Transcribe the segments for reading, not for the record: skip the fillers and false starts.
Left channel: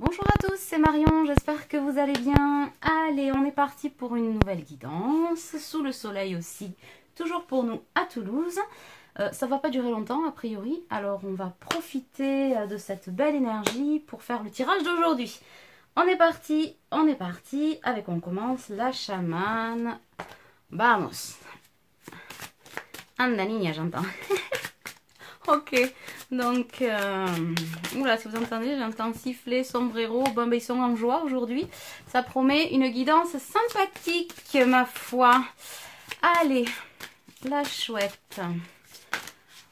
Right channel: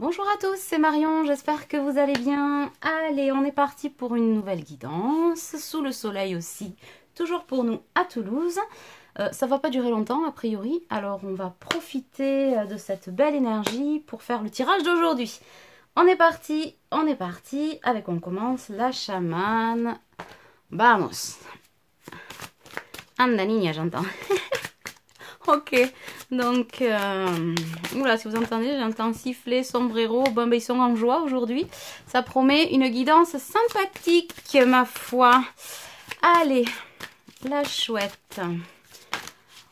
Bonjour à tous, c'est Marion, j'espère que vous allez bien. Allez, on est parti pour une nouvelle guidance, sous le soleil aussi, toujours pour nous à Toulouse. Ça va pas durer longtemps a priori, alors on va profiter de cette belle énergie pour faire le tirage d'aujourd'hui. On est parti, avec on commence la chamane. Vamos. Anda niña, j'entends. Ok, donc, voilà, si vous entendez, j'entends siffler, sombrero, bon, ben, ils sont en joie aujourd'hui. Ça promet une guidance sympathique, ma foi. Allez, la chouette.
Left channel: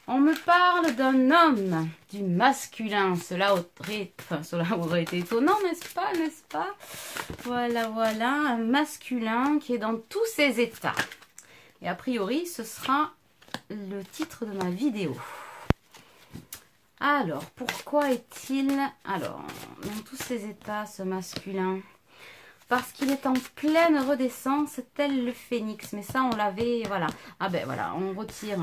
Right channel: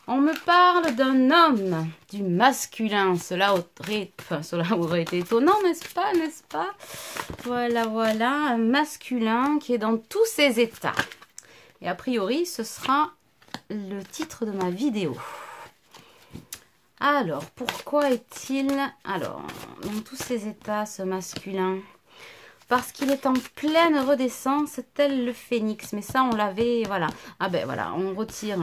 On me parle d'un homme, du masculin. Cela aurait été étonnant, n'est-ce pas, n'est-ce pas? Voilà, voilà, un masculin qui est dans tous ses états. Et a priori, ce sera le titre de ma vidéo. Alors, pourquoi est-il, dans tous ses états, ce masculin? Parce qu'il est en pleine redescence, tel le phénix. Mais ça, on l'avait, voilà. Ah ben voilà, on retire.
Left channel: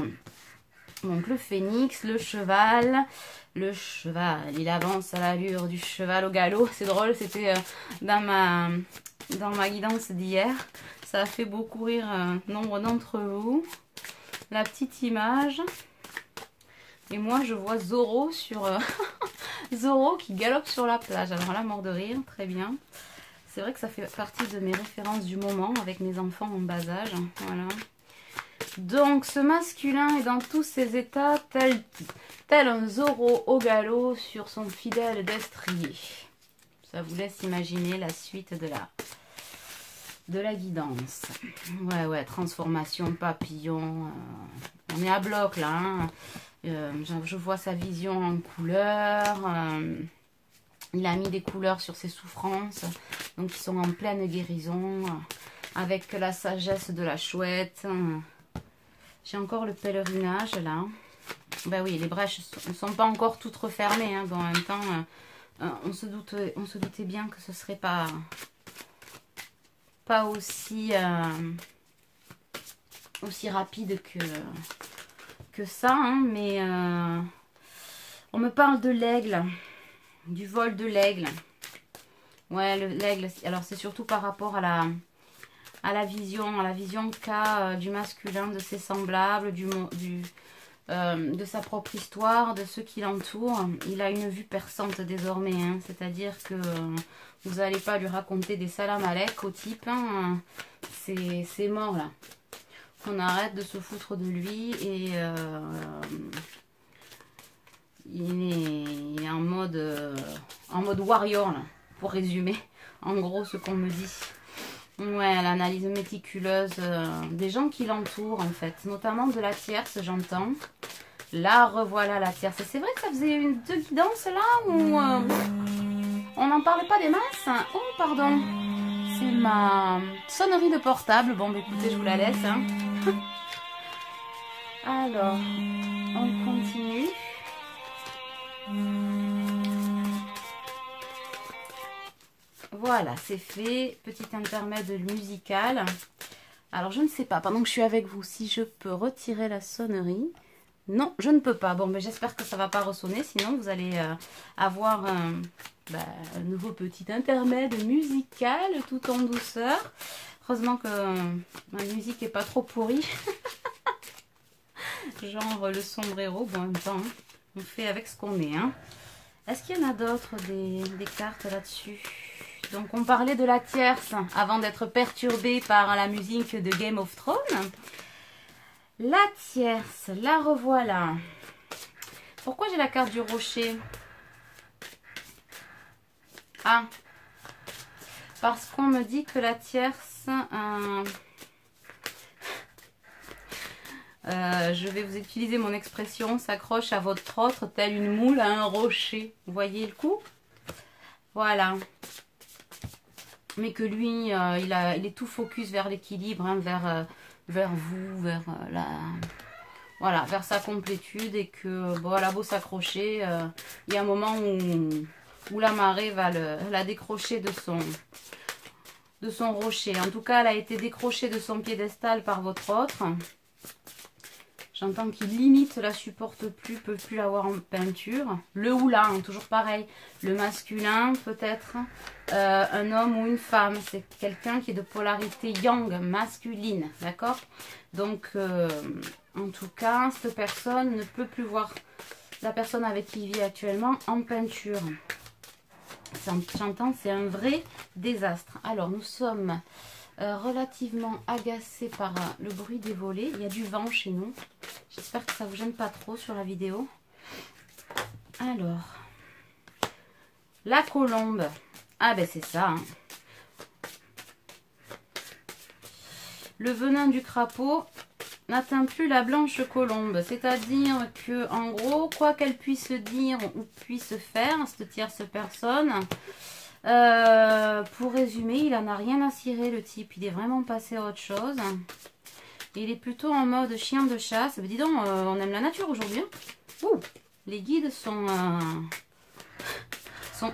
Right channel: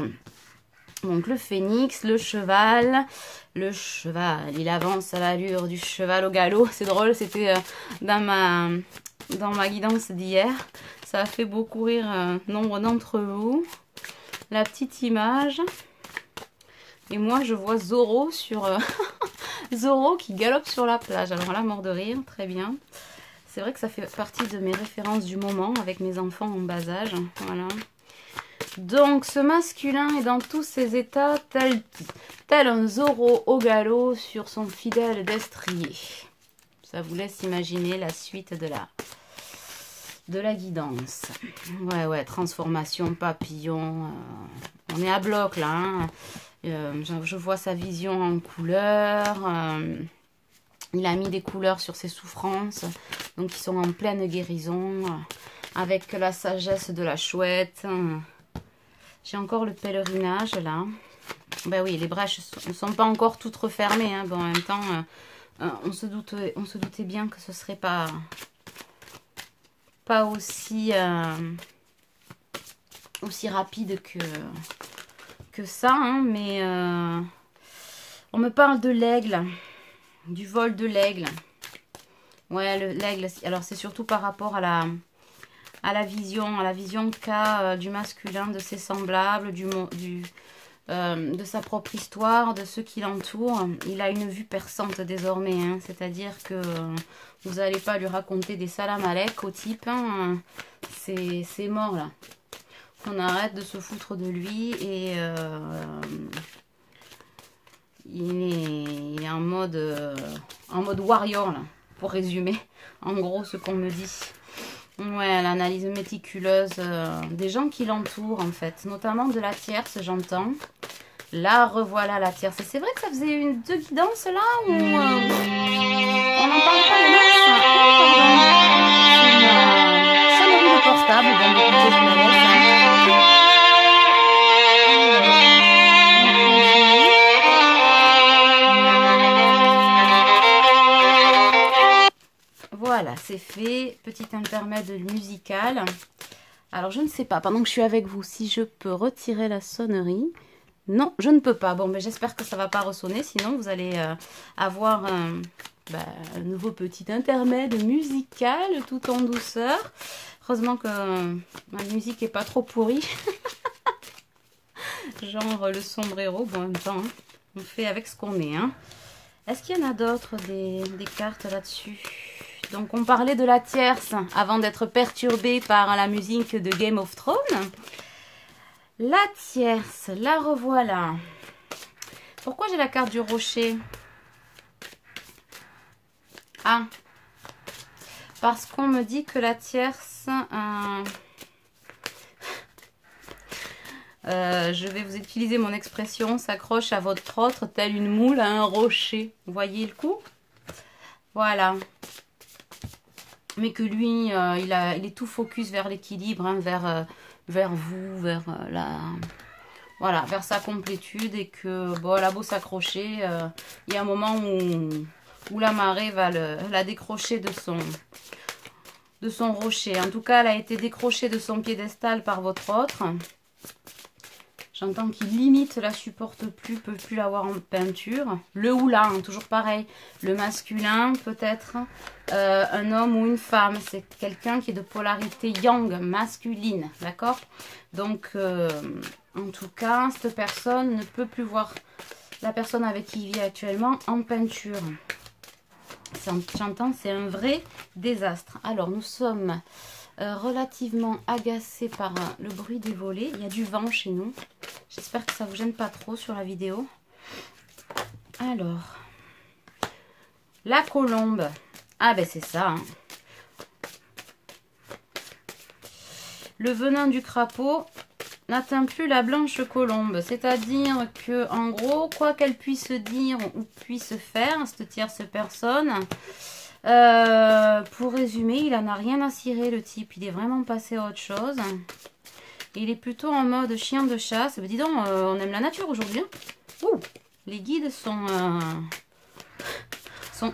Donc, le phénix, le cheval, il avance à l'allure du cheval au galop. C'est drôle, c'était dans ma guidance d'hier. Ça a fait beaucoup rire nombre d'entre vous. La petite image. Et moi, je vois Zorro Zorro qui galope sur la plage. Alors là, mort de rire, très bien. C'est vrai que ça fait partie de mes références du moment avec mes enfants en bas âge. Voilà. Donc, ce masculin est dans tous ses états, tel un Zorro au galop sur son fidèle destrier. Ça vous laisse imaginer la suite de la guidance. Ouais, transformation, papillon. On est à bloc là, hein. Je vois sa vision en couleurs. Il a mis des couleurs sur ses souffrances. Donc, ils sont en pleine guérison. Avec la sagesse de la chouette. J'ai encore le pèlerinage, là. Ben oui, les brèches ne sont pas encore toutes refermées. Hein. Bon, en même temps, on se doutait bien que ce ne serait pas aussi rapide que ça, hein, mais on me parle de l'aigle, du vol de l'aigle. Ouais, l'aigle, alors c'est surtout par rapport à la vision qu'a du masculin, de ses semblables, de sa propre histoire, de ceux qui l'entourent. Il a une vue perçante désormais, hein, c'est-à-dire que vous n'allez pas lui raconter des salam-alek au type, hein, c'est mort là. On arrête de se foutre de lui et il est en mode warrior là, pour résumer en gros ce qu'on me dit. Ouais, l'analyse méticuleuse des gens qui l'entourent en fait, notamment de la tierce, j'entends. Là, revoilà la tierce. C'est vrai que ça faisait deux guidances là où on n'en parlait pas les masses. Oh, pardon. C'est ma sonnerie de portable. Bon, écoutez, je la laisse. Hein. Voilà, c'est fait. Petit intermède musical. Alors, je ne sais pas, pendant que je suis avec vous, si je peux retirer la sonnerie. Non, je ne peux pas. Bon, mais j'espère que ça ne va pas ressonner. Sinon, vous allez avoir un nouveau petit intermède musical tout en douceur. Heureusement que ma musique n'est pas trop pourrie. Genre le sombrero. Bon, en même temps, on fait avec ce qu'on est. Hein. Est-ce qu'il y en a d'autres des cartes là-dessus? Donc, on parlait de la tierce avant d'être perturbé par la musique de Game of Thrones. La tierce, la revoilà. Pourquoi j'ai la carte du rocher? Ah, parce qu'on me dit que la tierce... je vais vous utiliser mon expression, s'accroche à votre autre tel une moule à un rocher. Vous voyez le coup? Voilà. Mais que lui, il est tout focus vers l'équilibre, hein, vers vous, vers sa complétude, et que bon, elle a beau s'accrocher, il y a un moment où la marée va la décrocher de son rocher. En tout cas, elle a été décrochée de son piédestal par votre autre. J'entends qu'il limite, la supporte plus, peut plus l'avoir en peinture. Le ou la, hein, toujours pareil. Le masculin, peut-être un homme ou une femme. C'est quelqu'un qui est de polarité yang, masculine, d'accord? Donc, en tout cas, cette personne ne peut plus voir la personne avec qui il vit actuellement en peinture. J'entends, c'est un vrai désastre. Alors, nous sommes relativement agacés par le bruit des volets. Il y a du vent chez nous. J'espère que ça ne vous gêne pas trop sur la vidéo. Alors, la colombe. Ah ben c'est ça. Hein. Le venin du crapaud n'atteint plus la blanche colombe. C'est-à-dire que, en gros, quoi qu'elle puisse dire ou puisse faire, cette tierce personne, pour résumer, il en a rien à cirer, le type. Il est vraiment passé à autre chose. Il est plutôt en mode chien de chasse. Dis donc, on aime la nature aujourd'hui. Hein. Ouh, les guides sont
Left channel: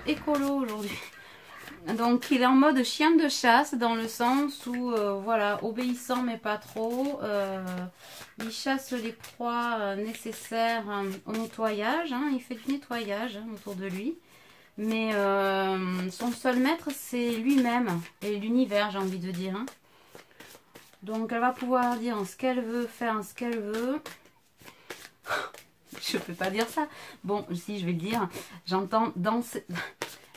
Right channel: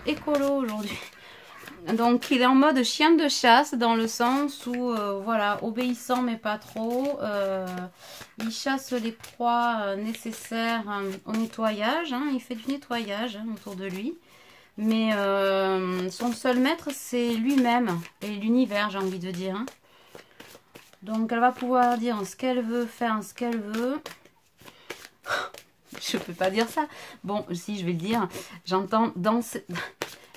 écolos aujourd'hui. Donc, il est en mode chien de chasse dans le sens où, voilà, obéissant mais pas trop. Il chasse les proies nécessaires au nettoyage. Hein. Il fait du nettoyage hein, autour de lui. Mais son seul maître, c'est lui-même et l'univers, j'ai envie de dire. Hein. Donc, elle va pouvoir dire ce qu'elle veut, faire ce qu'elle veut. Je ne peux pas dire ça. Bon, si, je vais le dire. J'entends danser...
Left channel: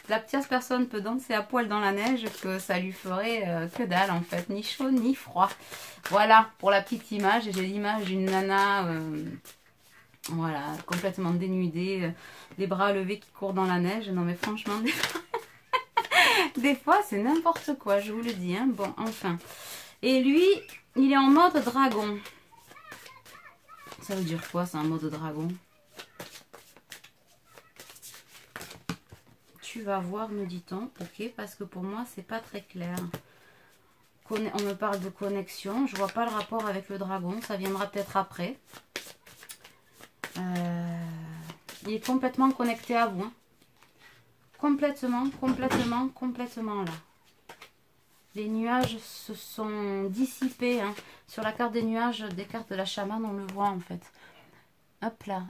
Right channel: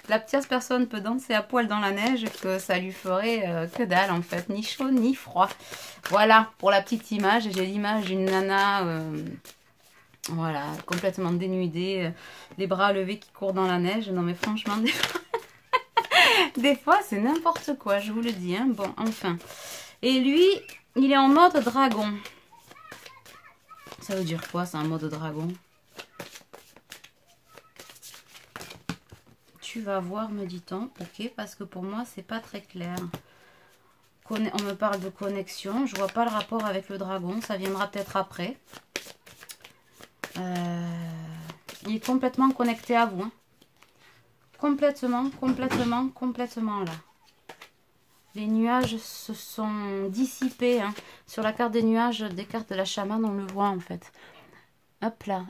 La petite personne peut danser à poil dans la neige, que ça lui ferait que dalle, en fait. Ni chaud, ni froid. Voilà, pour la petite image. J'ai l'image d'une nana... voilà, complètement dénudée, les bras levés qui courent dans la neige. Non mais franchement, des fois c'est n'importe quoi, je vous le dis. Hein. Bon, enfin. Et lui, il est en mode dragon. Ça veut dire quoi, c'est un mode dragon? Tu vas voir, me dit-on. Ok, parce que pour moi, c'est pas très clair. On me parle de connexion. Je vois pas le rapport avec le dragon. Ça viendra peut-être après. Il est complètement connecté à vous. Hein. Complètement là. Les nuages se sont dissipés. Hein. Sur la carte des nuages, des cartes de la chamane, on le voit en fait. Hop là,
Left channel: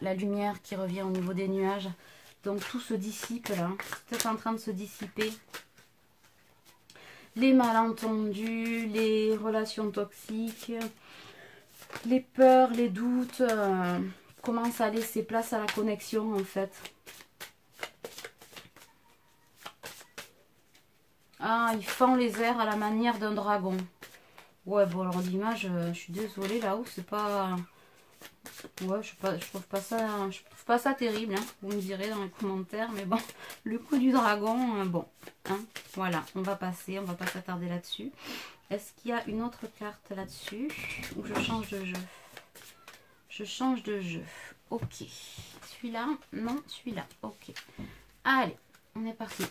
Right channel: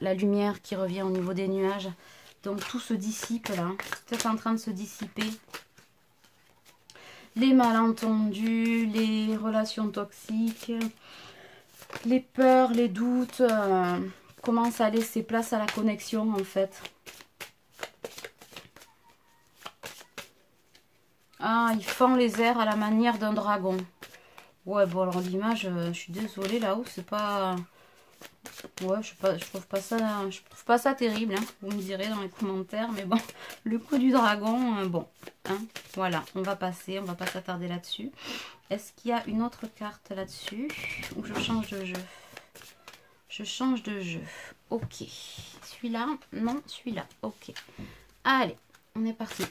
la lumière qui revient au niveau des nuages. Donc tout se dissipe là. Tout est en train de se dissiper. Les malentendus, les relations toxiques, les peurs, les doutes... commence à laisser place à la connexion en fait. Ah, il fend les airs à la manière d'un dragon. Ouais, bon alors l'image, je suis désolée là-haut, c'est pas... Ouais, je trouve pas ça terrible, hein, vous me direz dans les commentaires, mais bon, le coup du dragon, bon, hein, voilà, on va pas s'attarder là-dessus. Est-ce qu'il y a une autre carte là-dessus ou je change de jeu? Je change de jeu. Ok. Celui-là? Non, celui-là. Ok. Allez, on est parti.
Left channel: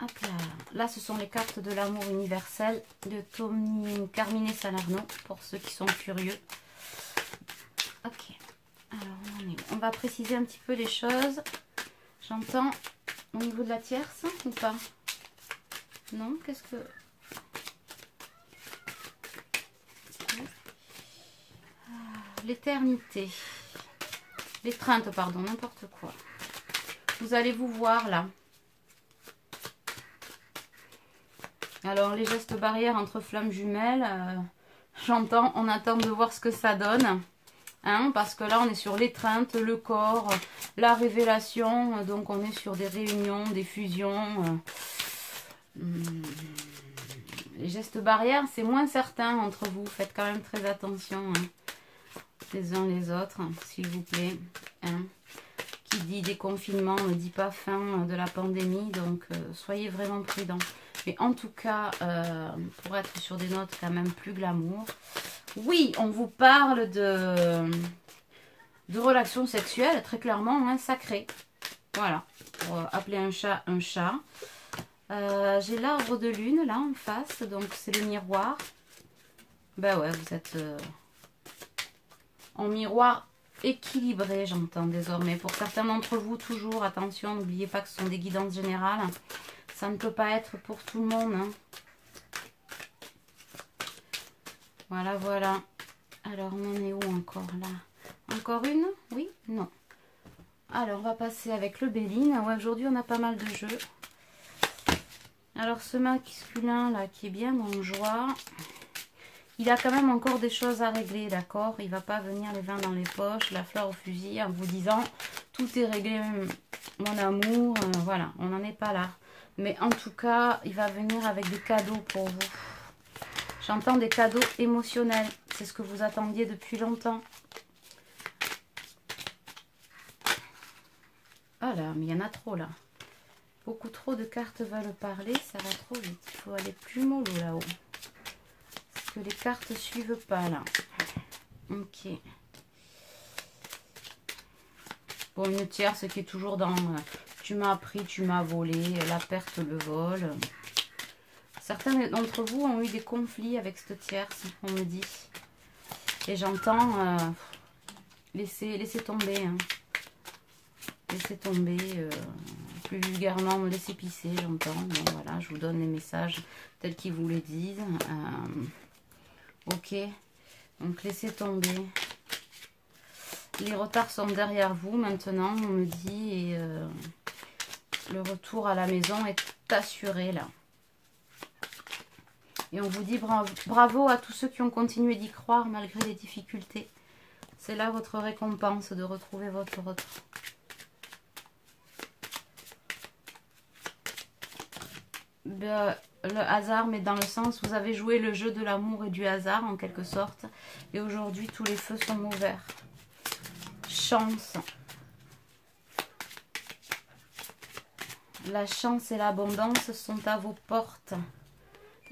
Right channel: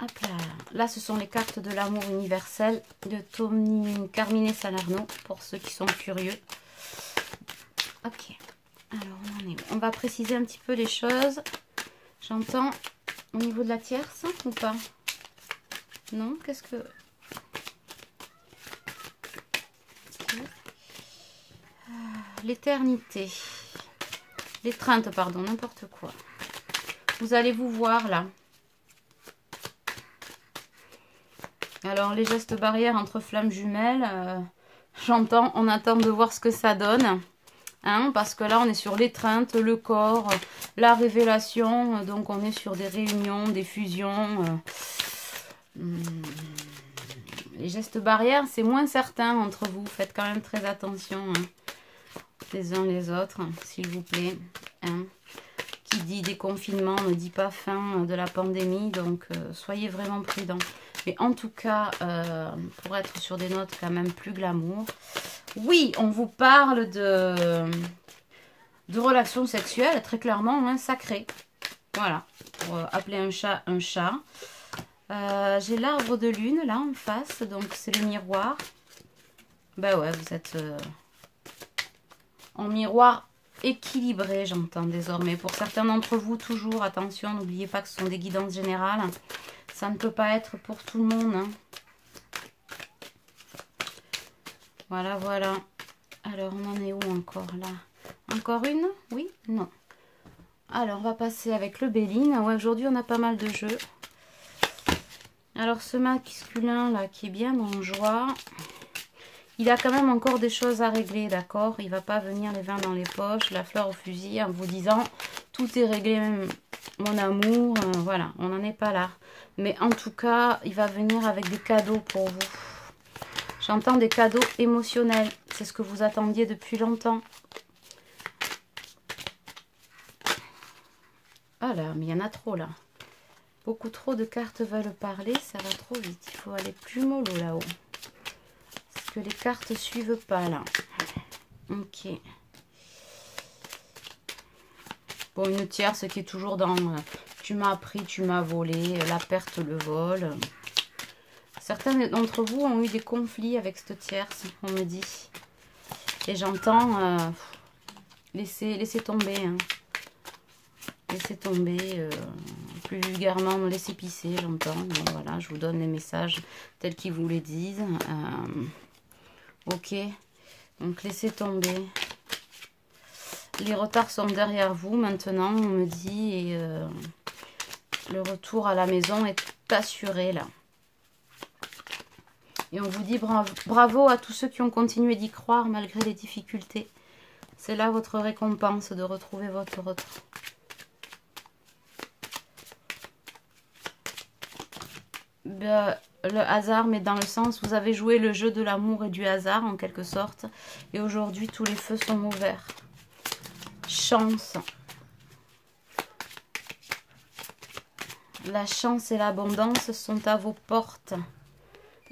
Hop là. Là, ce sont les cartes de l'amour universel de Tommy Carmine Salerno, pour ceux qui sont curieux. Ok. Alors, on va préciser un petit peu les choses. J'entends au niveau de la tierce ou pas? Non? Qu'est-ce que... L'éternité. L'étreinte, pardon, n'importe quoi. Vous allez vous voir là. Alors, les gestes barrières entre flammes jumelles, j'entends, on attend de voir ce que ça donne. Hein, parce que là, on est sur l'étreinte, le corps, la révélation. Donc, on est sur des réunions, des fusions. Les gestes barrières, c'est moins certain entre vous. Faites quand même très attention. Hein. Les uns les autres, s'il vous plaît. Hein. Qui dit déconfinement ne dit pas fin de la pandémie, donc soyez vraiment prudents. Mais en tout cas, pour être sur des notes quand même plus glamour, oui, on vous parle de relations sexuelles, très clairement, hein, sacrées. Voilà, pour appeler un chat un chat. J'ai l'arbre de lune là en face, donc c'est le miroir. Ben ouais, vous êtes en miroir équilibré, j'entends désormais. Pour certains d'entre vous, toujours, attention, n'oubliez pas que ce sont des guidances générales. Ça ne peut pas être pour tout le monde. Hein. Voilà, voilà. Alors, on en est où encore là? Encore une? Oui? Non. Alors, on va passer avec le Béline. Ouais, aujourd'hui, on a pas mal de jeux. Alors, ce masculin là, qui est bien en joie, il a quand même encore des choses à régler, d'accord? Il va pas venir les mains dans les poches, la fleur au fusil, en vous disant tout est réglé, mon amour. Voilà, on n'en est pas là. Mais en tout cas, il va venir avec des cadeaux pour vous. J'entends des cadeaux émotionnels. C'est ce que vous attendiez depuis longtemps. Ah là, mais il y en a trop là. Beaucoup trop de cartes veulent parler, ça va trop vite. Il faut aller plus mollo là-haut. Parce que les cartes suivent pas là. Ok. Bon, une tierce qui est toujours dans tu m'as pris, tu m'as volé, la perte, le vol. Certains d'entre vous ont eu des conflits avec cette tierce, on me dit. Et j'entends laisser tomber. Hein. Laissez tomber, plus vulgairement, me laisser pisser, j'entends. Voilà, je vous donne les messages tels qu'ils vous les disent. Ok, donc laissez tomber. Les retards sont derrière vous maintenant, on me dit. Et le retour à la maison est assuré là. Et on vous dit bravo à tous ceux qui ont continué d'y croire malgré les difficultés. C'est là votre récompense de retrouver votre retour. Le hasard, mais dans le sens vous avez joué le jeu de l'amour et du hasard en quelque sorte. Et aujourd'hui, tous les feux sont ouverts. Chance. La chance et l'abondance sont à vos portes.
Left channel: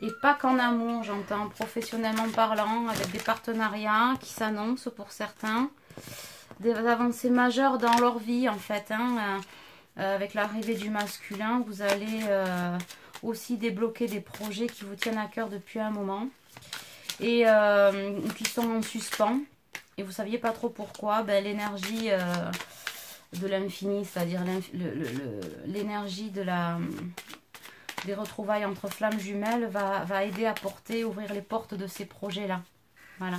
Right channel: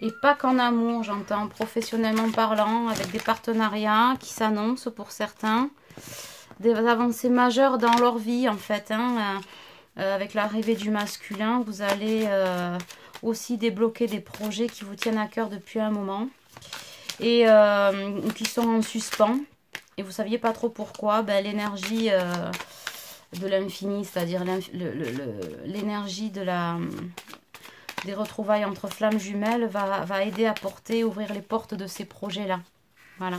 Et pas qu'en amour, j'entends, professionnellement parlant, avec des partenariats qui s'annoncent pour certains. Des avancées majeures dans leur vie, en fait. Hein, avec l'arrivée du masculin, vous allez aussi débloquer des projets qui vous tiennent à cœur depuis un moment. Et qui sont en suspens. Et vous ne saviez pas trop pourquoi. Ben, l'énergie de l'infini, c'est-à-dire l'énergie des retrouvailles entre flammes jumelles va aider à ouvrir les portes de ces projets-là. Voilà.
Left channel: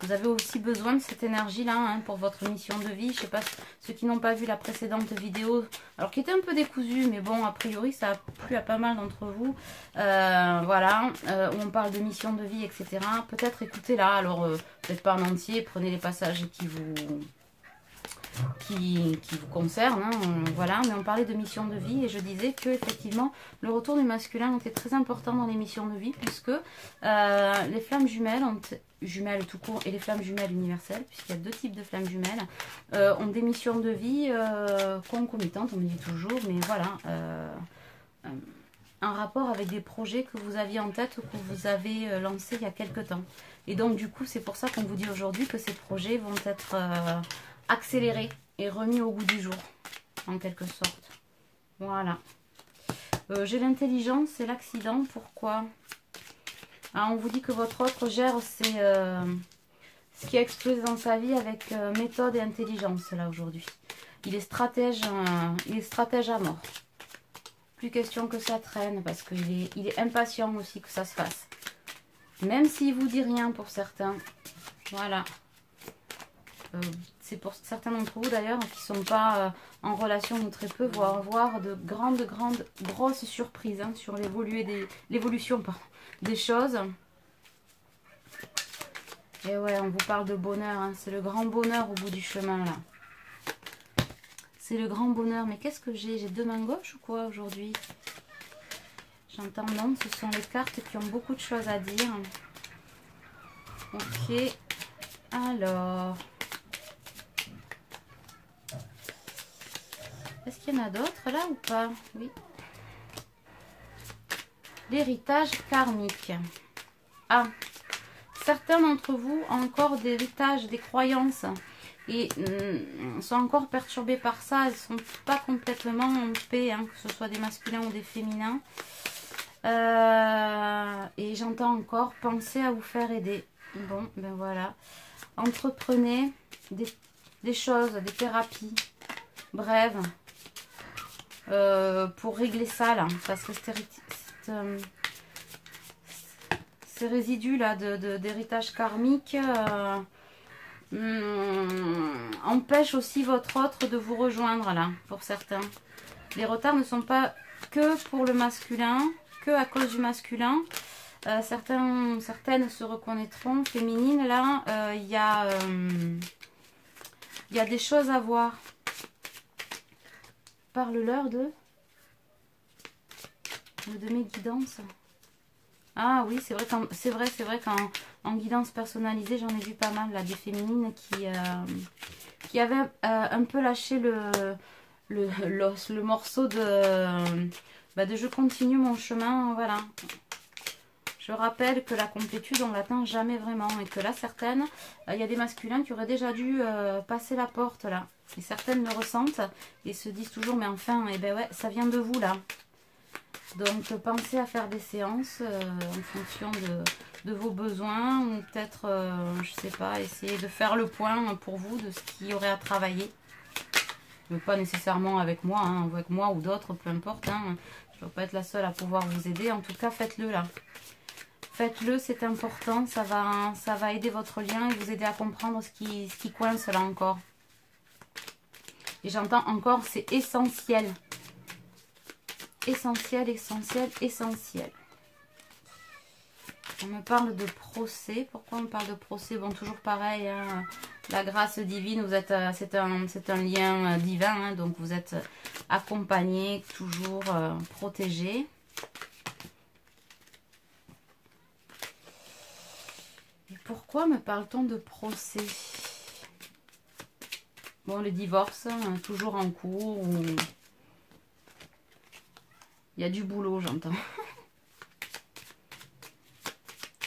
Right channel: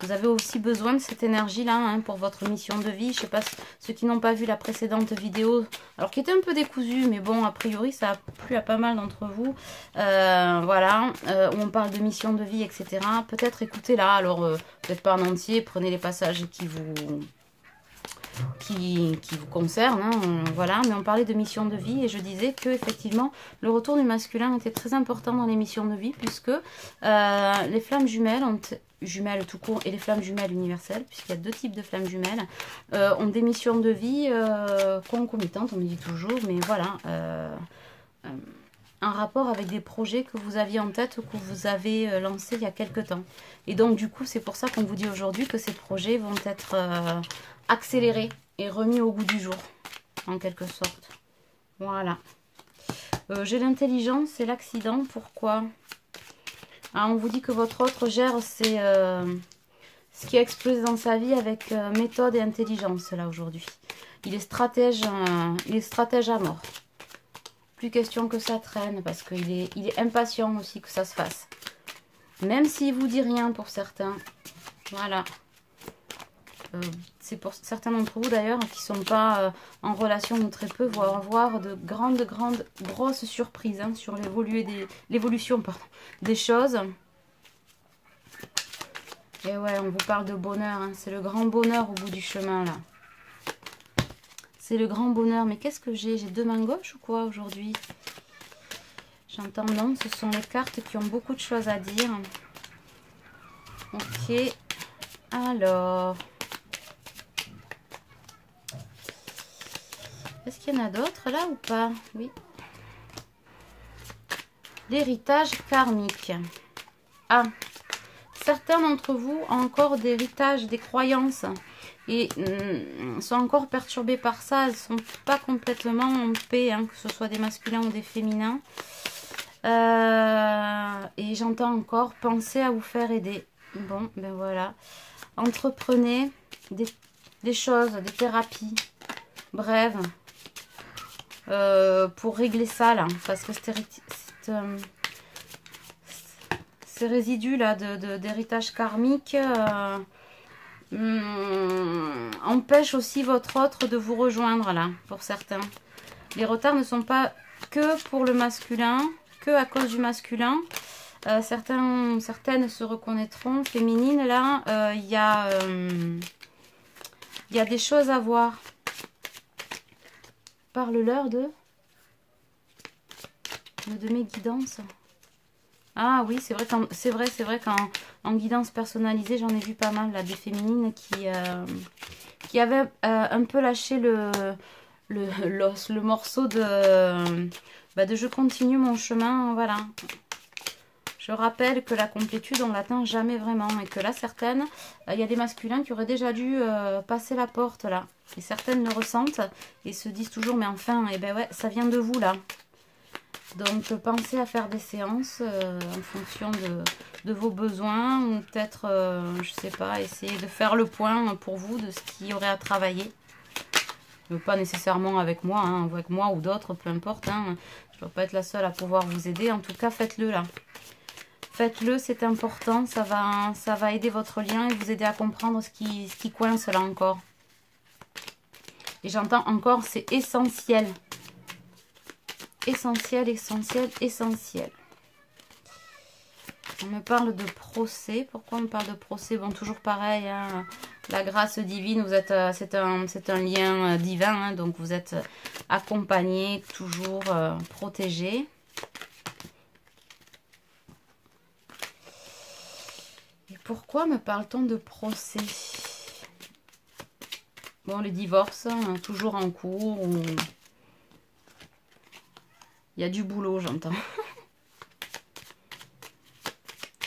Vous avez aussi besoin de cette énergie-là hein, pour votre mission de vie. Je ne sais pas, ceux qui n'ont pas vu la précédente vidéo, alors qui était un peu décousue, mais bon, a priori, ça a plu à pas mal d'entre vous. Voilà, où on parle de mission de vie, etc. Peut-être écoutez-la, alors peut-être pas en entier, prenez les passages qui vous concerne, hein, voilà, mais on parlait de mission de vie et je disais que effectivement le retour du masculin était très important dans les missions de vie puisque les flammes jumelles tout court et les flammes jumelles universelles, puisqu'il y a deux types de flammes jumelles, ont des missions de vie concomitantes, on me dit toujours, mais voilà, un rapport avec des projets que vous aviez en tête ou que vous avez lancés il y a quelque temps. Et donc du coup c'est pour ça qu'on vous dit aujourd'hui que ces projets vont être accéléré et remis au goût du jour, en quelque sorte. Voilà. J'ai l'intelligence et l'accident. Pourquoi? On vous dit que votre autre gère, c'est ce qui a explosé dans sa vie avec méthode et intelligence, là, aujourd'hui. Il est stratège à mort. Plus question que ça traîne, parce qu'il est impatient aussi que ça se fasse. Même s'il vous dit rien pour certains. Voilà. C'est pour certains d'entre vous d'ailleurs qui ne sont pas en relation ou très peu, vont avoir de grosses surprises hein, sur l'évolution des choses. Et ouais, on vous parle de bonheur, hein, c'est le grand bonheur au bout du chemin là. C'est le grand bonheur, mais qu'est-ce que j'ai? J'ai deux mains gauches ou quoi aujourd'hui? J'entends non, ce sont les cartes qui ont beaucoup de choses à dire. Ok, alors... Est-ce qu'il y en a d'autres là ou pas? Oui. L'héritage karmique. Ah, certains d'entre vous ont encore des héritages, des croyances et sont encore perturbés par ça. Elles ne sont pas complètement en paix, hein, que ce soit des masculins ou des féminins. Et j'entends encore penser à vous faire aider. Bon, ben voilà. Entreprenez des choses, des thérapies. Bref. ces résidus là d'héritage karmique empêchent aussi votre autre de vous rejoindre là, pour certains. Les retards ne sont pas que pour le masculin, que à cause du masculin. Certaines se reconnaîtront. Féminines, là, il y a des choses à voir. Parle-leur de mes guidances. Ah oui, c'est vrai qu'en guidance personnalisée, j'en ai vu pas mal là, des féminines qui avaient un peu lâché le morceau de je continue mon chemin, voilà. Je rappelle que la complétude, on l'atteint jamais vraiment. Et que là, certaines, il y a des masculins qui auraient déjà dû passer la porte, là. Et certaines le ressentent et se disent toujours, mais enfin, eh ben ouais, ça vient de vous, là. Donc, pensez à faire des séances en fonction de vos besoins. Ou peut-être, je sais pas, essayer de faire le point pour vous de ce qu'il y aurait à travailler. Pas nécessairement avec moi, hein, avec moi ou d'autres, peu importe. Hein. Je ne dois pas être la seule à pouvoir vous aider. En tout cas, faites-le, là. Faites-le, c'est important, ça va aider votre lien et vous aider à comprendre ce qui coince là encore. Et j'entends encore, c'est essentiel. Essentiel, essentiel, essentiel. On me parle de procès. Pourquoi on me parle de procès? Bon, toujours pareil, hein, la grâce divine, vous êtes, c'est un lien divin, hein, donc vous êtes accompagné, toujours protégé. Pourquoi me parle-t-on de procès? Bon, les divorces, hein, toujours en cours. Ou... il y a du boulot, j'entends.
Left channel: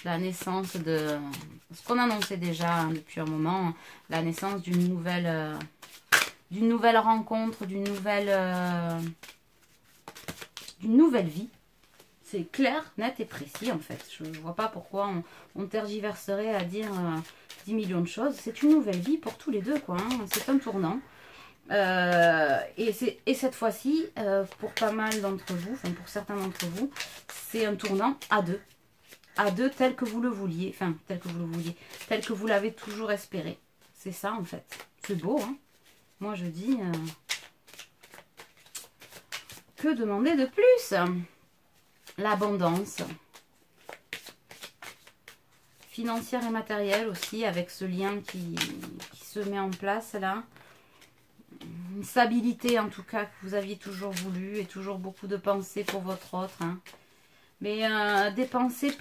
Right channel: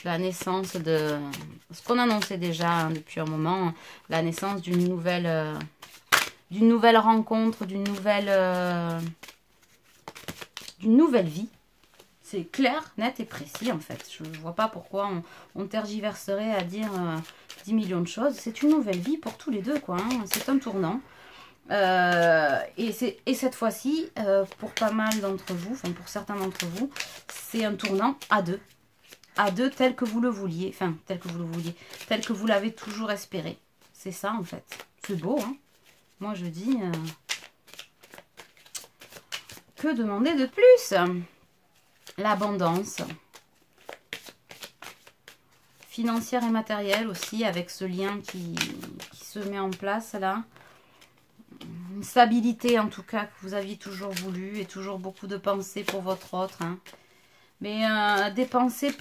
La naissance de... ce qu'on annonçait déjà hein, depuis un moment. La naissance d'une nouvelle rencontre, d'une nouvelle vie. C'est clair, net et précis en fait. Je ne vois pas pourquoi on tergiverserait à dire 10 millions de choses. C'est une nouvelle vie pour tous les deux, quoi. Hein. C'est un tournant. Et cette fois-ci, pour pas mal d'entre vous, enfin pour certains d'entre vous, c'est un tournant à deux. À deux tel que vous le vouliez. Enfin, tel que vous l'avez toujours espéré. C'est ça en fait. C'est beau, hein. Moi je dis... que demander de plus? L'abondance financière et matérielle aussi, avec ce lien qui se met en place là. Une stabilité en tout cas que vous aviez toujours voulu et toujours beaucoup de pensées pour votre autre. Hein. Mais des pensées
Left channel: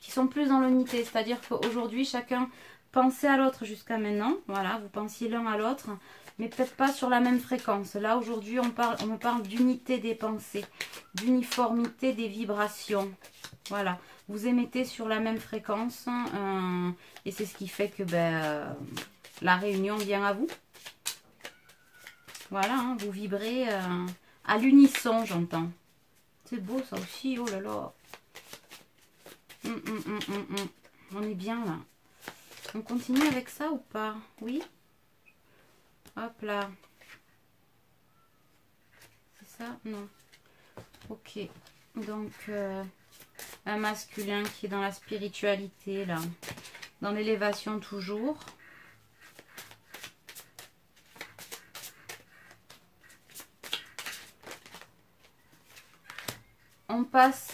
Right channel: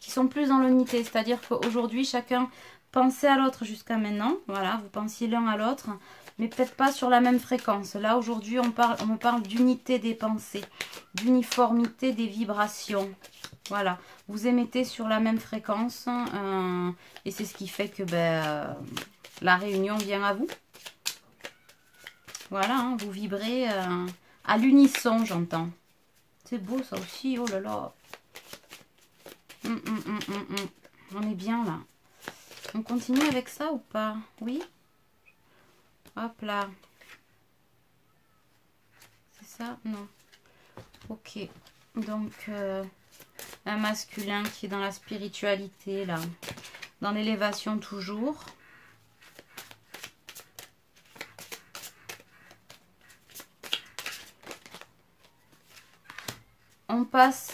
qui sont plus dans l'unité. C'est-à-dire qu'aujourd'hui, chacun pensait à l'autre jusqu'à maintenant. Voilà, vous pensiez l'un à l'autre, mais peut-être pas sur la même fréquence. Là, aujourd'hui, on me parle d'unité des pensées, d'uniformité des vibrations. Voilà, vous émettez sur la même fréquence et c'est ce qui fait que la réunion vient à vous. Voilà, hein, vous vibrez à l'unisson, j'entends. C'est beau ça aussi, oh là là. On est bien là. On continue avec ça ou pas? Oui. Hop là. C'est ça? Non. Ok. Donc, un masculin qui est dans la spiritualité, là. Dans l'élévation toujours.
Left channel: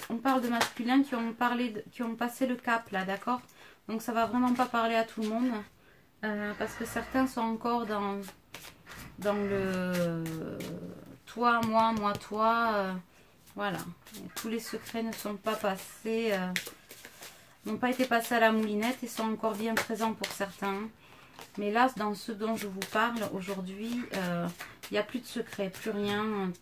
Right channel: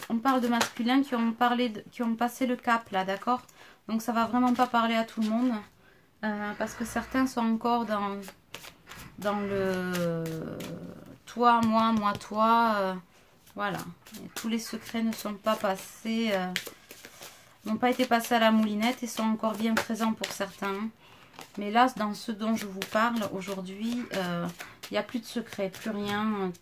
On parle de masculins qui ont passé le cap, là, d'accord? Donc, ça va vraiment pas parler à tout le monde. Parce que certains sont encore dans le toi, moi, toi. Voilà. Et tous les secrets ne sont pas passés, n'ont pas été passés à la moulinette et sont encore bien présents pour certains. Mais là, dans ce dont je vous parle aujourd'hui, il n'y a plus de secrets, plus rien.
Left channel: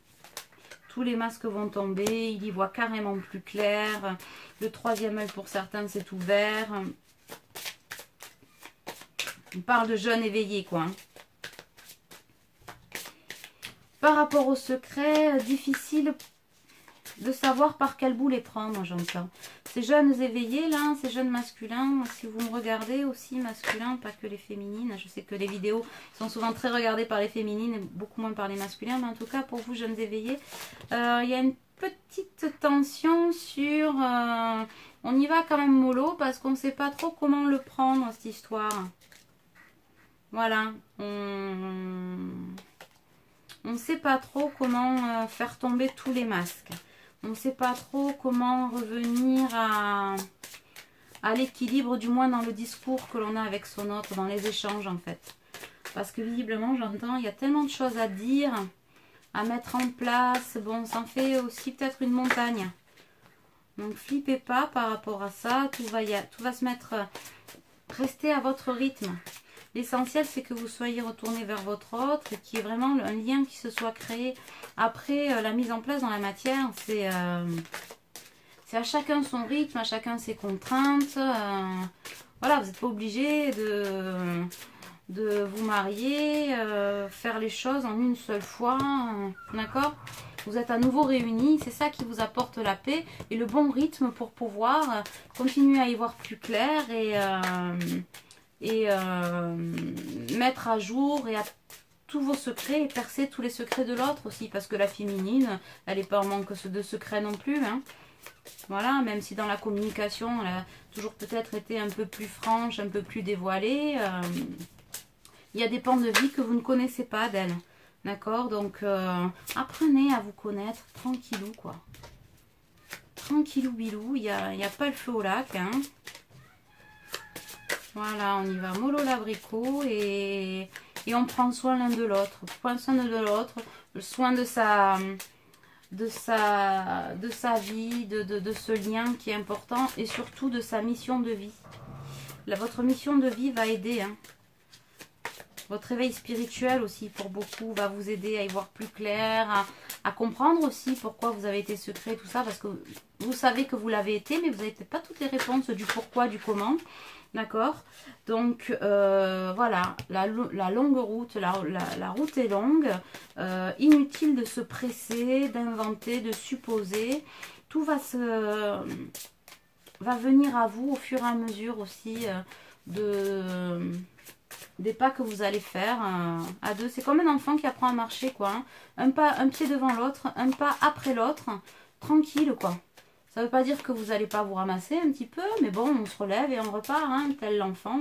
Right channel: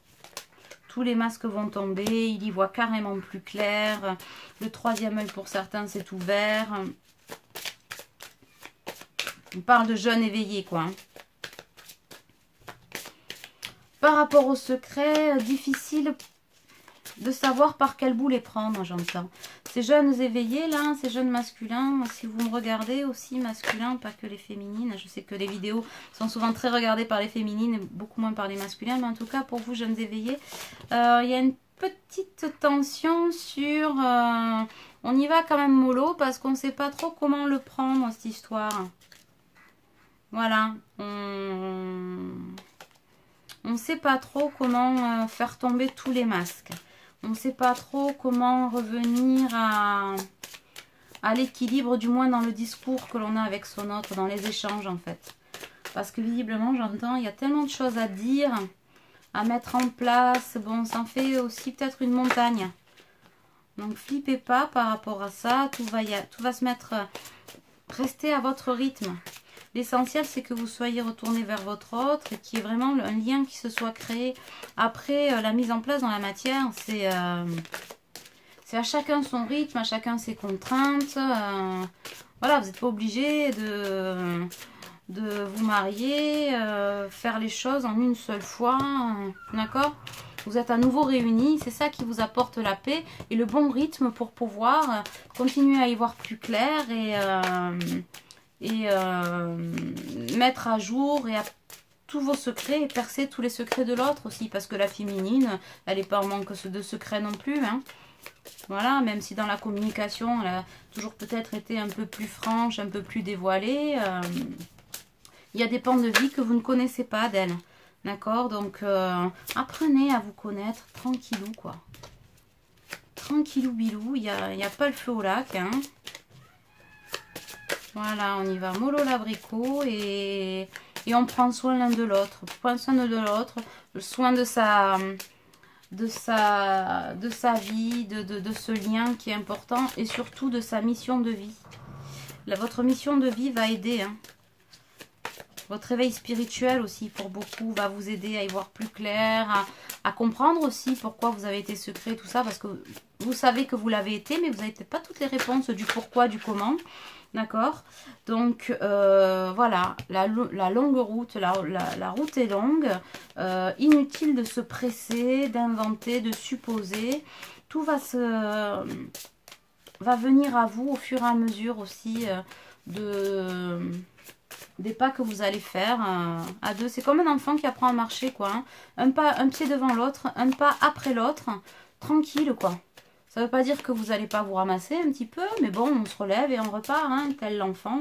Tous les masques vont tomber, il y voit carrément plus clair. Le troisième œil pour certains s'est ouvert. On parle de jeunes éveillés, quoi. Par rapport au secret, difficile de savoir par quel bout les prendre, j'entends. Ces jeunes éveillés, là, ces jeunes masculins, si vous me regardez aussi masculins, pas que les féminines. Je sais que les vidéos sont souvent très regardées par les féminines et beaucoup moins par les masculins. Mais en tout cas, pour vous, jeunes éveillés, il y a une petite tension sur On y va quand même mollo parce qu'on ne sait pas trop comment le prendre, cette histoire. Voilà. On ne sait pas trop comment faire tomber tous les masques. On ne sait pas trop comment revenir à l'équilibre, du moins dans le discours que l'on a avec son autre, dans les échanges en fait. Parce que visiblement, j'entends, il y a tellement de choses à dire, à mettre en place. Bon, ça en fait aussi peut-être une montagne. Donc, flippez pas par rapport à ça. Tout va se mettre... Restez à votre rythme. L'essentiel, c'est que vous soyez retourné vers votre autre et qu'il y ait vraiment un lien qui se soit créé. Après, la mise en place dans la matière, c'est à chacun son rythme, à chacun ses contraintes. Voilà, vous n'êtes pas obligé de vous marier, faire les choses en une seule fois, d'accord? Vous êtes à nouveau réunis, c'est ça qui vous apporte la paix et le bon rythme pour pouvoir continuer à y voir plus clair et mettre à jour et à tous vos secrets et percer tous les secrets de l'autre aussi, parce que la féminine, elle n'est pas en manque de secrets non plus, hein. Voilà, même si dans la communication, elle a toujours peut-être été un peu plus franche, un peu plus dévoilée, il y a des pans de vie que vous ne connaissez pas d'elle. D'accord? Donc, apprenez à vous connaître tranquillou, quoi. Tranquillou bilou, il n'y a pas le feu au lac, hein. Voilà, on y va mollo l'abricot et on prend soin l'un de l'autre. Prend soin de l'autre, le soin de sa vie, de ce lien qui est important et surtout de sa mission de vie. Là, votre mission de vie va aider, hein. Votre réveil spirituel aussi, pour beaucoup, va vous aider à y voir plus clair, à comprendre aussi pourquoi vous avez été secret, tout ça, parce que vous savez que vous l'avez été, mais vous n'avez peut-être pas toutes les réponses du pourquoi, du comment, d'accord? Donc, voilà, la longue route, la route est longue, inutile de se presser, d'inventer, de supposer, tout va venir à vous au fur et à mesure aussi des pas que vous allez faire à deux. C'est comme un enfant qui apprend à marcher, quoi, hein. Un pied devant l'autre, un pas après l'autre, tranquille, quoi. Ça ne veut pas dire que vous n'allez pas vous ramasser un petit peu, mais bon, on se relève et on repart, hein, tel l'enfant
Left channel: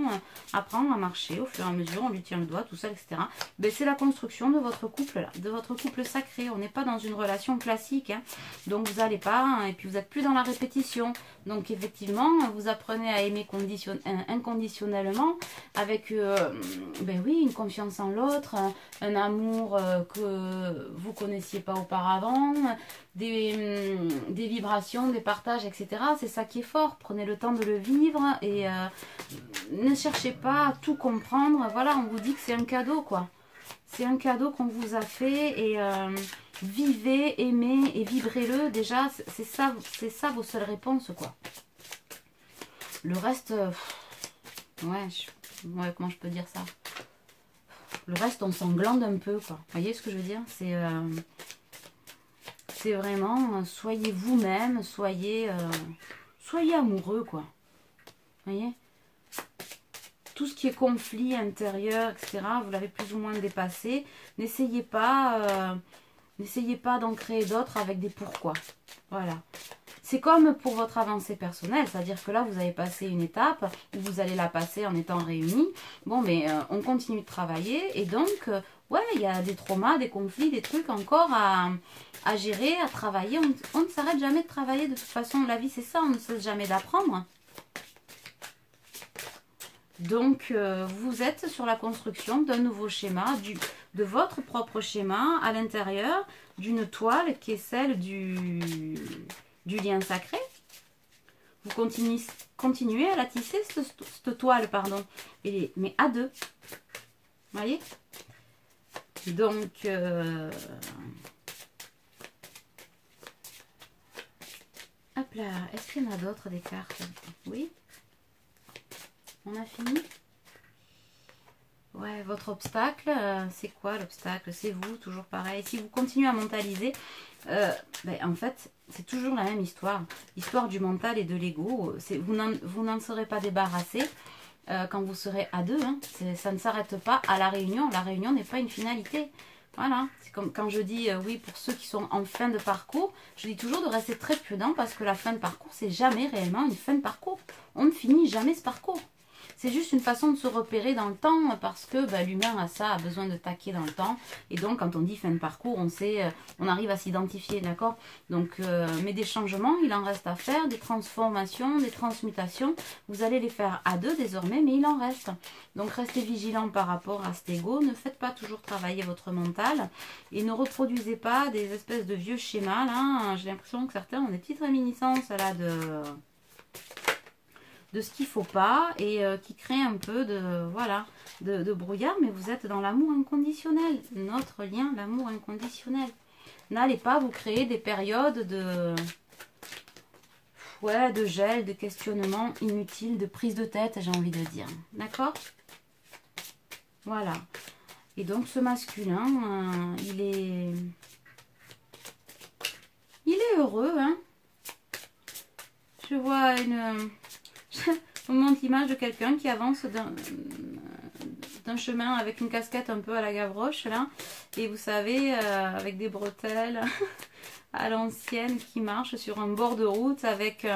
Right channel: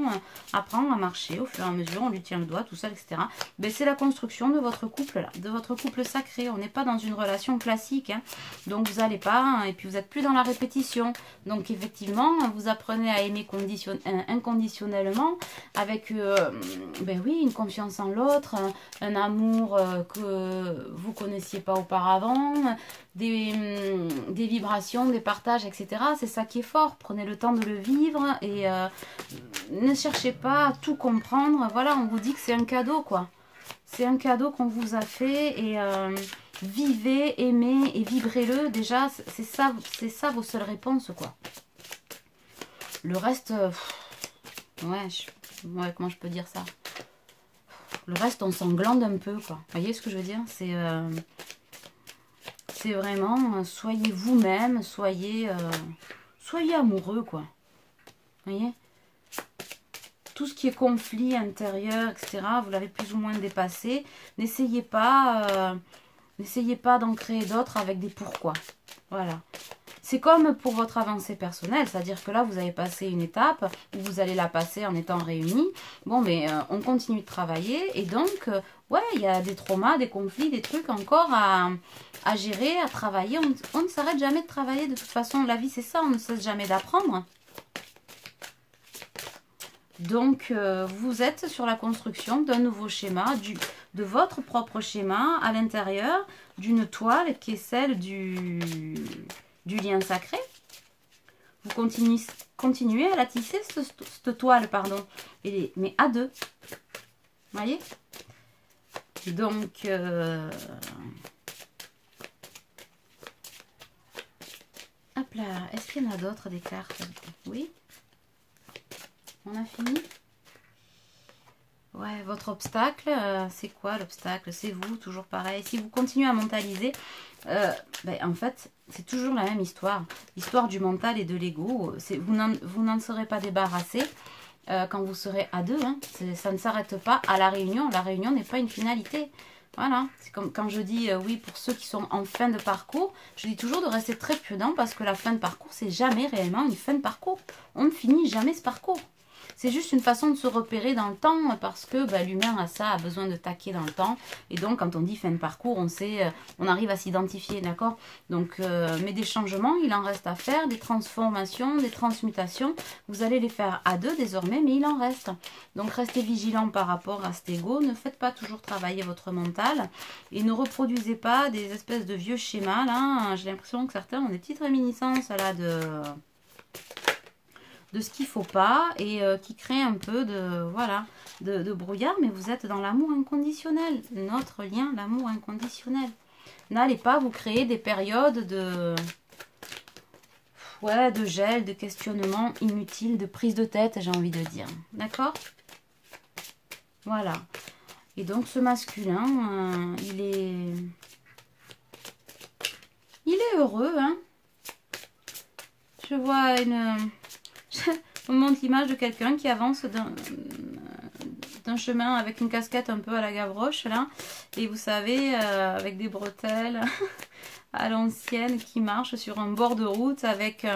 apprend à marcher au fur et à mesure, on lui tient le doigt, tout ça, etc. Mais c'est la construction de votre couple, là, de votre couple sacré. On n'est pas dans une relation classique, hein. Donc vous n'allez pas, hein, et puis vous n'êtes plus dans la répétition. Donc effectivement, vous apprenez à aimer inconditionnellement, avec, ben oui, une confiance en l'autre, un amour que vous ne connaissiez pas auparavant, des vibrations, des partages, etc. C'est ça qui est fort. Prenez le temps de le vivre et ne cherchez pas à tout comprendre. Voilà, on vous dit que c'est un cadeau, quoi. C'est un cadeau qu'on vous a fait et vivez, aimez et vibrez-le. Déjà, c'est ça vos seules réponses, quoi. Le reste, ouais, comment je peux dire ça? Le reste, on s'englande un peu, quoi. Vous voyez ce que je veux dire? C'est vraiment, soyez vous-même, soyez amoureux, quoi. Vous voyez? Tout ce qui est conflit intérieur, etc., vous l'avez plus ou moins dépassé. N'essayez pas d'en créer d'autres avec des pourquoi. Voilà. C'est comme pour votre avancée personnelle, c'est-à-dire que là, vous avez passé une étape, vous allez la passer en étant réunis. Bon, mais on continue de travailler et donc, ouais, il y a des traumas, des conflits, des trucs encore à gérer, à travailler. On ne s'arrête jamais de travailler. De toute façon, la vie, c'est ça, on ne cesse jamais d'apprendre. Donc, vous êtes sur la construction d'un nouveau schéma, de votre propre schéma à l'intérieur d'une toile qui est celle du lien sacré. Vous continuez à la tisser, cette toile, pardon, mais à deux. Vous voyez? Donc, hop là, est-ce qu'il y en a d'autres des cartes? Oui. On a fini? Ouais, votre obstacle, c'est quoi l'obstacle? C'est vous, toujours pareil. Si vous continuez à mentaliser, en fait, c'est toujours la même histoire. L'histoire du mental et de l'ego. Vous n'en serez pas débarrassé quand vous serez à deux. Hein. Ça ne s'arrête pas à la réunion. La réunion n'est pas une finalité. Voilà, c'est comme quand je dis oui pour ceux qui sont en fin de parcours, je dis toujours de rester très prudent parce que la fin de parcours, c'est jamais réellement une fin de parcours. On ne finit jamais ce parcours. C'est juste une façon de se repérer dans le temps parce que l'humain a ça, a besoin de taquer dans le temps. Et donc, quand on dit fin de parcours, on sait, on arrive à s'identifier, d'accord? Donc, mais des changements, il en reste à faire, des transformations, des transmutations. Vous allez les faire à deux désormais, mais il en reste. Donc, restez vigilants par rapport à cet ego. Ne faites pas toujours travailler votre mental et ne reproduisez pas des espèces de vieux schémas. Là, j'ai l'impression que certains ont des petites réminiscences là de ce qu'il ne faut pas et qui crée un peu de brouillard, mais vous êtes dans l'amour inconditionnel, notre lien, l'amour inconditionnel. N'allez pas vous créer des périodes de gel, de questionnement inutile, de prise de tête, j'ai envie de dire. D'accord? Voilà. Et donc ce masculin, il est heureux, hein. Je vois on montre l'image de quelqu'un qui avance d'un chemin avec une casquette un peu à la Gavroche, là. Et vous savez, avec des bretelles à l'ancienne, qui marche sur un bord de route avec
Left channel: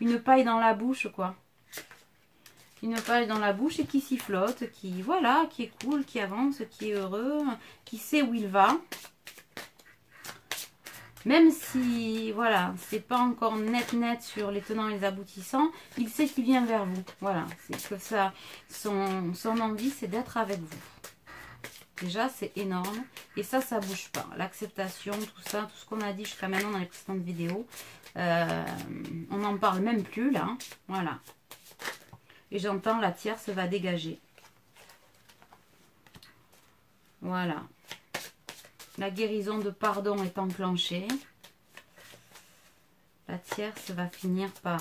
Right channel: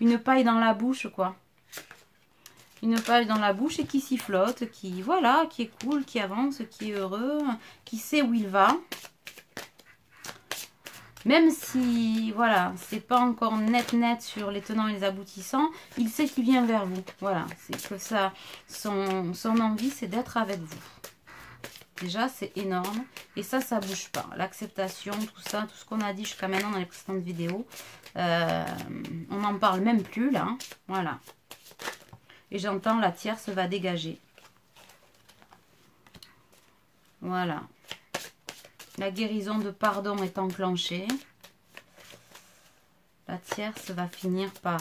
une paille dans la bouche, quoi. Une paille dans la bouche et qui sifflote, qui est cool, qui avance, qui est heureux, qui sait où il va. Même si, voilà, c'est pas encore net sur les tenants et les aboutissants, il sait qu'il vient vers vous. Voilà, c'est que ça, son envie, c'est d'être avec vous. Déjà, c'est énorme. Et ça bouge pas. L'acceptation, tout ça, tout ce qu'on a dit jusqu'à maintenant dans les précédentes vidéos, on n'en parle même plus, là. Voilà. Et j'entends la tierce va dégager. Voilà. La guérison de pardon est enclenchée. La tierce va finir par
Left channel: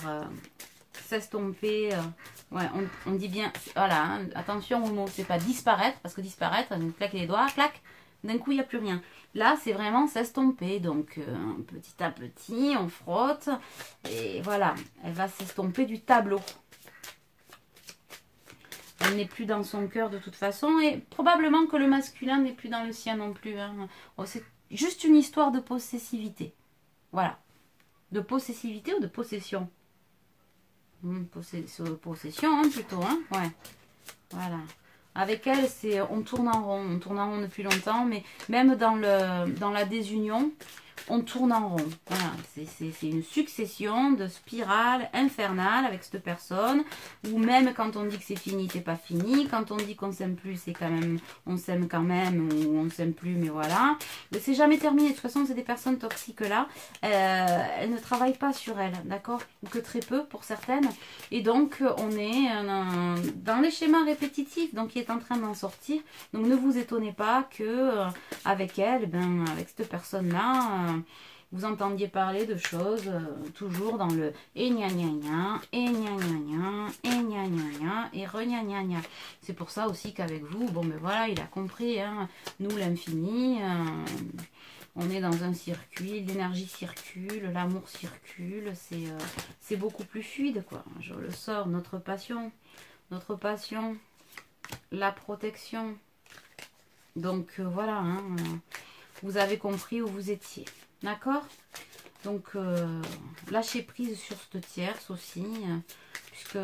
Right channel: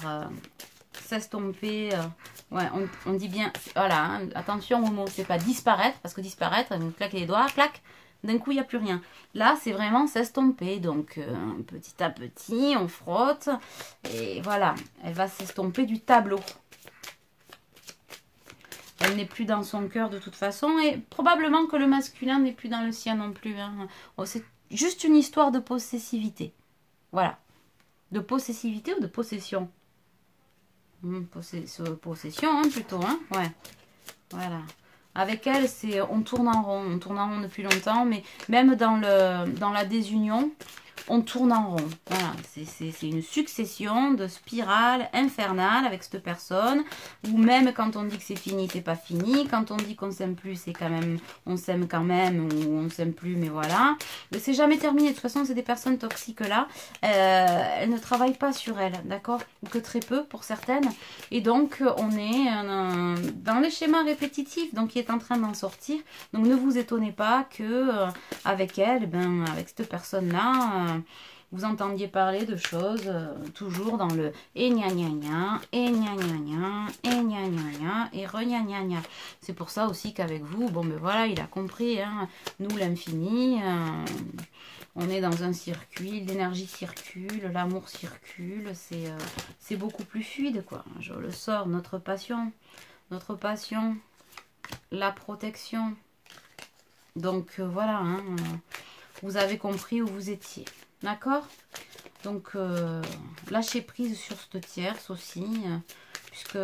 s'estomper. Ouais, on dit bien, voilà, hein, attention au mot, c'est pas disparaître, parce que disparaître, on claque les doigts, clac, d'un coup il n'y a plus rien. Là, c'est vraiment s'estomper, donc petit à petit, on frotte, et voilà, elle va s'estomper du tableau. Elle n'est plus dans son cœur de toute façon, et probablement que le masculin n'est plus dans le sien non plus. Hein. Oh, c'est juste une histoire de possessivité. Voilà. De possessivité ou de possession? Possession, hein, plutôt. Hein, ouais. Voilà. Avec elle, on tourne en rond. On tourne en rond depuis longtemps, mais même dans la désunion, on tourne en rond. Voilà, c'est une succession de spirales infernales avec cette personne. Ou même quand on dit que c'est fini, c'est pas fini. Quand on dit qu'on s'aime plus, c'est quand même, on s'aime quand même, ou on s'aime plus, mais voilà. C'est jamais terminé. De toute façon, c'est des personnes toxiques là. Elles ne travaillent pas sur elles, d'accord? Ou que très peu pour certaines. Et donc, on est dans les schémas répétitifs, donc il est en train d'en sortir. Donc, ne vous étonnez pas que avec elle, avec cette personne-là, vous entendiez parler de choses toujours dans le et gna gna gna, et gna gna gna, et gna gna gna, et re gna gna gna. C'est pour ça aussi qu'avec vous, bon ben voilà, il a compris, hein, nous l'infini, on est dans un circuit, l'énergie circule, l'amour circule, c'est beaucoup plus fluide, quoi. Je le sors, notre passion, la protection. Donc voilà, hein, vous avez compris où vous étiez. D'accord? Donc, lâchez prise sur cette tierce aussi, puisque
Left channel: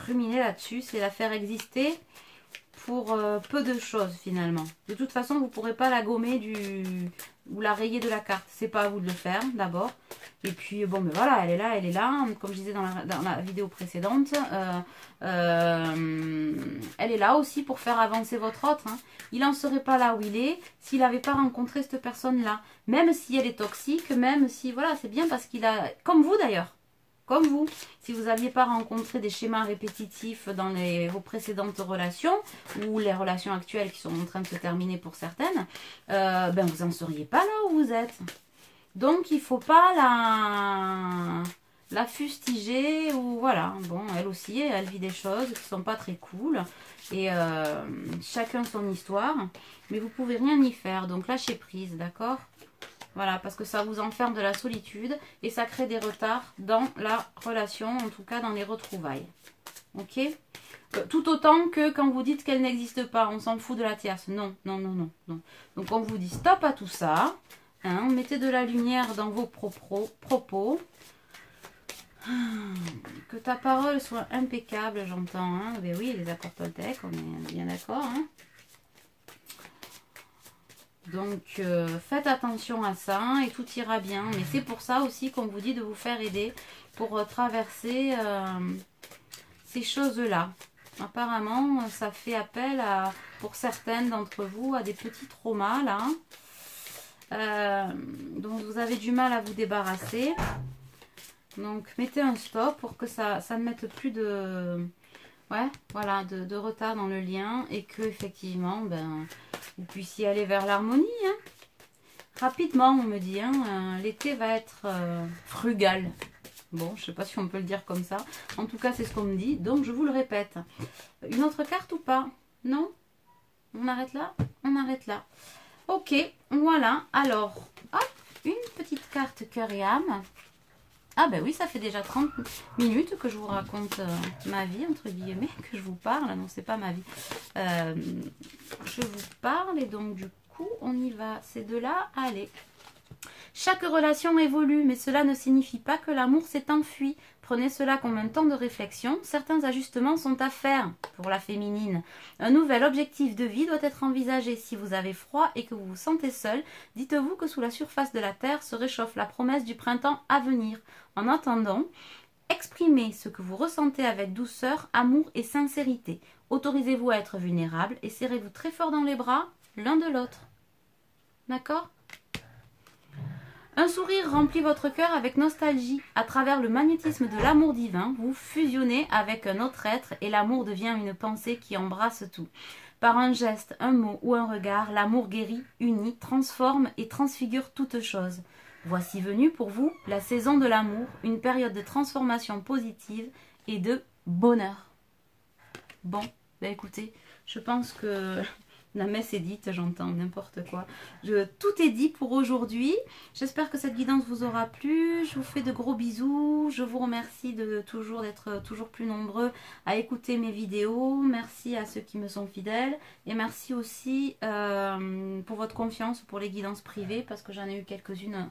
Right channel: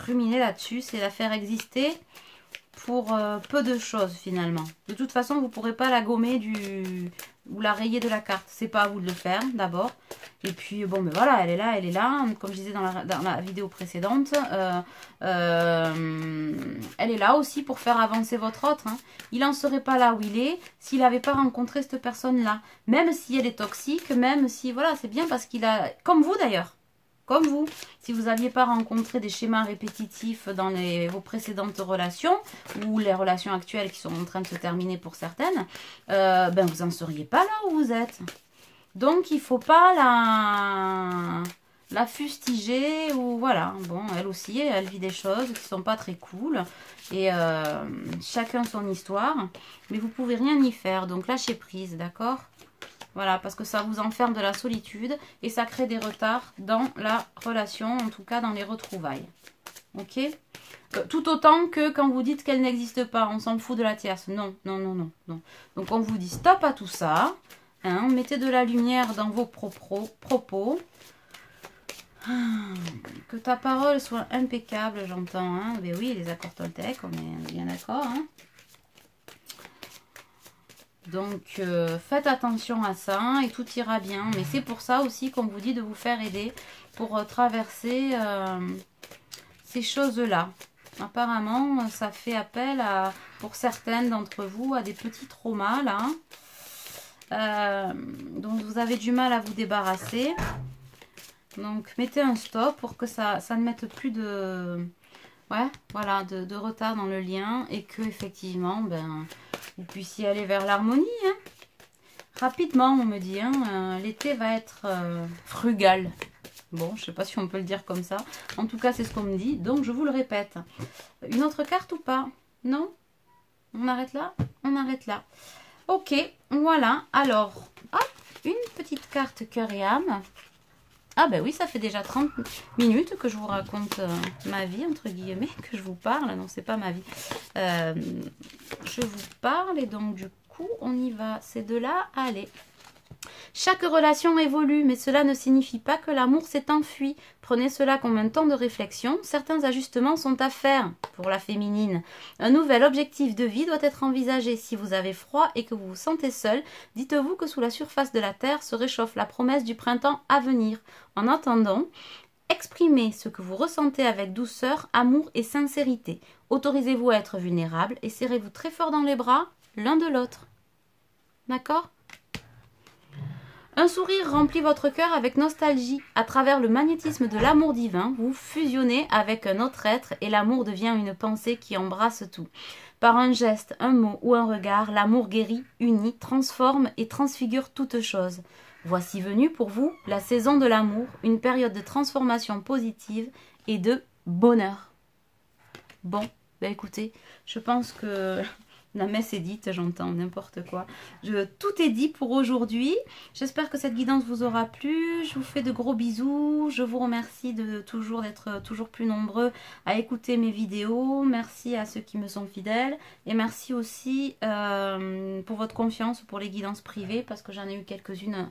ruminer là-dessus, c'est la faire exister pour peu de choses finalement. De toute façon, vous ne pourrez pas la gommer ou la rayer de la carte. C'est pas à vous de le faire d'abord. Et puis, bon, ben voilà, elle est là. Comme je disais dans la vidéo précédente, elle est là aussi pour faire avancer votre autre. Hein. Il n'en serait pas là où il est s'il n'avait pas rencontré cette personne-là. Même si elle est toxique, même si, voilà, c'est bien parce qu'il a, comme vous d'ailleurs, comme vous, si vous n'aviez pas rencontré des schémas répétitifs dans vos précédentes relations, ou les relations actuelles qui sont en train de se terminer pour certaines, ben vous n'en seriez pas là où vous êtes. Donc, il ne faut pas la fustiger, ou voilà. Bon, elle aussi, elle vit des choses qui ne sont pas très cool, et chacun son histoire, mais vous ne pouvez rien y faire, donc lâchez prise, d'accord ? Voilà, parce que ça vous enferme de la solitude et ça crée des retards dans la relation, en tout cas dans les retrouvailles. Ok? Tout autant que quand vous dites qu'elle n'existe pas, on s'en fout de la tierce. Non, non, non, non, non. Donc on vous dit stop à tout ça. Hein, mettez de la lumière dans vos propos. Que ta parole soit impeccable, j'entends. Hein. Ben oui, les accords Toltec, on est bien d'accord. Hein. Donc, faites attention à ça et tout ira bien. Mais c'est pour ça aussi qu'on vous dit de vous faire aider pour traverser ces choses-là. Apparemment, ça fait appel à, pour certaines d'entre vous, à des petits traumas là, dont vous avez du mal à vous débarrasser. Donc, mettez un stop pour que ça ne mette plus de, ouais, voilà, de retard dans le lien et que effectivement, ben, vous puissiez aller vers l'harmonie. Hein. Rapidement, on me dit, hein, l'été va être frugal. Bon, je ne sais pas si on peut le dire comme ça. En tout cas, c'est ce qu'on me dit. Donc, je vous le répète. Une autre carte ou pas? Non? On arrête là? On arrête là. Ok, voilà. Alors, hop, une petite carte cœur et âme. Ah ben oui, ça fait déjà 30 minutes que je vous raconte ma vie, entre guillemets, que je vous parle. Non, c'est pas ma vie. Je vous parle et donc, du coup, on y va. C'est de là, allez. Chaque relation évolue, mais cela ne signifie pas que l'amour s'est enfui. Prenez cela comme un temps de réflexion. Certains ajustements sont à faire pour la féminine. Un nouvel objectif de vie doit être envisagé. Si vous avez froid et que vous vous sentez seul, dites-vous que sous la surface de la terre se réchauffe la promesse du printemps à venir. En attendant, exprimez ce que vous ressentez avec douceur, amour et sincérité. Autorisez-vous à être vulnérable et serrez-vous très fort dans les bras l'un de l'autre. D'accord ? Un sourire remplit votre cœur avec nostalgie. À travers le magnétisme de l'amour divin, vous fusionnez avec un autre être et l'amour devient une pensée qui embrasse tout. Par un geste, un mot ou un regard, l'amour guérit, unit, transforme et transfigure toute chose. Voici venue pour vous la saison de l'amour, une période de transformation positive et de bonheur. Bon, ben écoutez, je pense que la messe est dite, j'entends n'importe quoi. Tout est dit pour aujourd'hui. J'espère que cette guidance vous aura plu. Je vous fais de gros bisous. Je vous remercie d'être toujours plus nombreux à écouter mes vidéos. Merci à ceux qui me sont fidèles. Et merci aussi pour votre confiance pour les guidances privées parce que j'en ai eu quelques-unes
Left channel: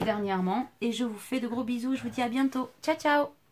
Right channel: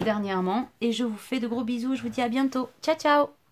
dernièrement. Et je vous fais de gros bisous. Je vous dis à bientôt. Ciao, ciao!